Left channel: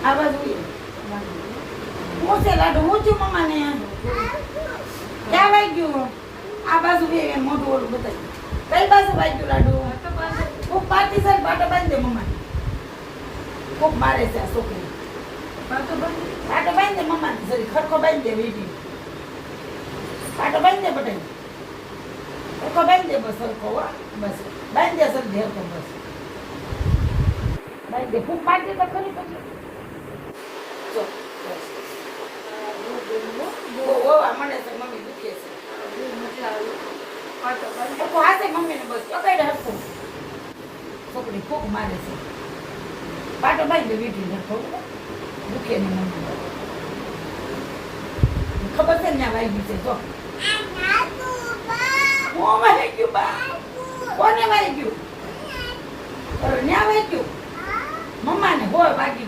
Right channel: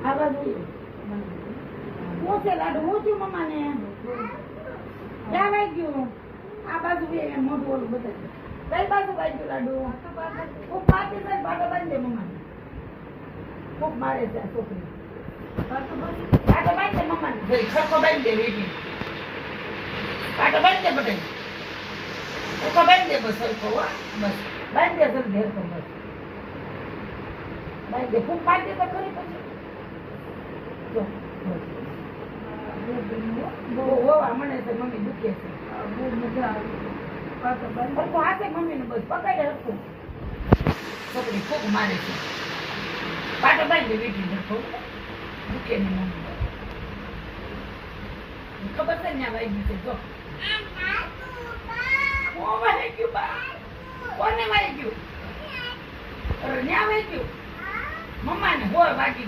આ બાજુ હું છે લાડુ હું છું મમ્માને ક્યાં વાગ્યું આ બાજુ મોઢું ઓલું બતાવ્યું કઈ બાજુ વાગ્યું લાડુ ખૂબ પાર્ટી છે પાટો બાંધી દે મમ્માને ખૂબ મારે છે આ છોકરી પાટો બાંધી દે મમ્માને જરી ખરખો બાંધી દે વીટી પાટો બાંધી દે બટે ખરખો બાંધી દે બસ સરખો બસ બાંધી દે સર ધેરખો બસ બાંધી દે ખૂબ પાર્ટી તો ખરી પછી જો બસ બહુ મને છે મમ્મી દુખે છે બહુ મજા આવે પાટો બાંધી હાથે મમ્મીને બસ પકડે હરખું છોકરી ખૂબ મારે છે પાટો બાંધી દે વીટી ધેરખો દુખે ને મમ્મી ખબર છે ને વાગી છે જો વાગ્યું બા કોને વાગ્યું ન્યા વાગ્યું મમ્માને હોય વાગી